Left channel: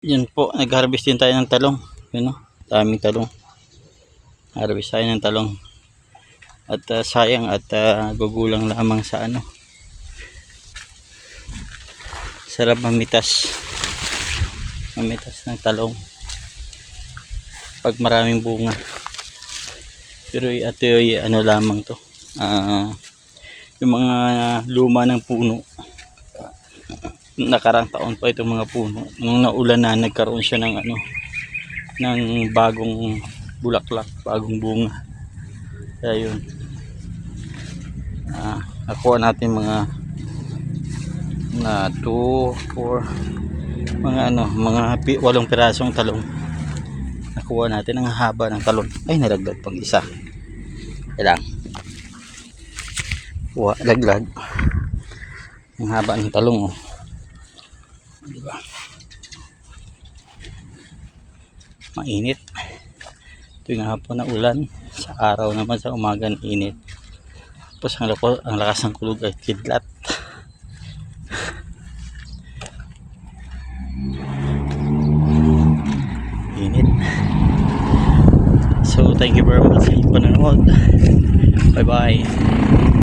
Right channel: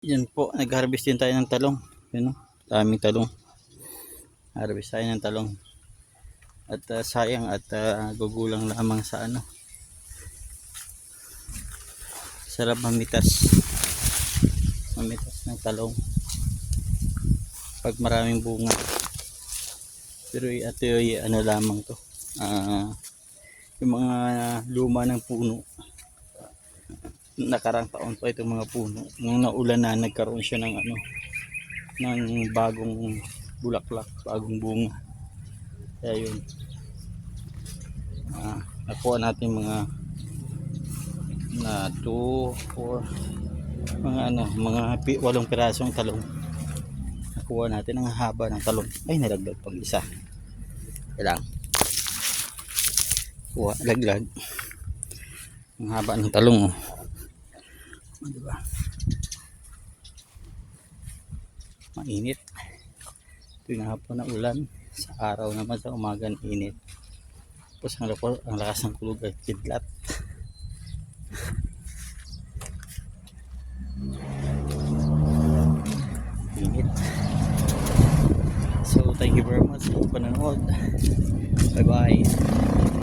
Yun po, nag-harvest din tayo ng talong. Yun o, daming talong. Harvest tayo ng talong. At sayang at gugulang lamang sa ano. Sarap mamitas. Mamitas ng talong. Pag maraming bunga. Pero ito yung ano lamang to. Yung mga luma ng puno. Nakarang taon pa itong mga puno. Nung naulan na, nagkaroon siya ng ano, ng bagong bulaklak, bagong bunga. Kaya yun. Nakuha natin mga 2, 4, mga ano, mga 8 pirasong talong. Nakuha natin ang haba ng talong. Ay, nalaglag pang isa. Kailang. Kuha, laglag. Ang haba ng talong, oh. Diba? Mainit. Ito yung hapon na ulan. Sa araw naman, sa umaga na init. Tapos ang lakas ng kulog ay kidlat. Init. So thank you very much sa inyong panonood. Bye bye.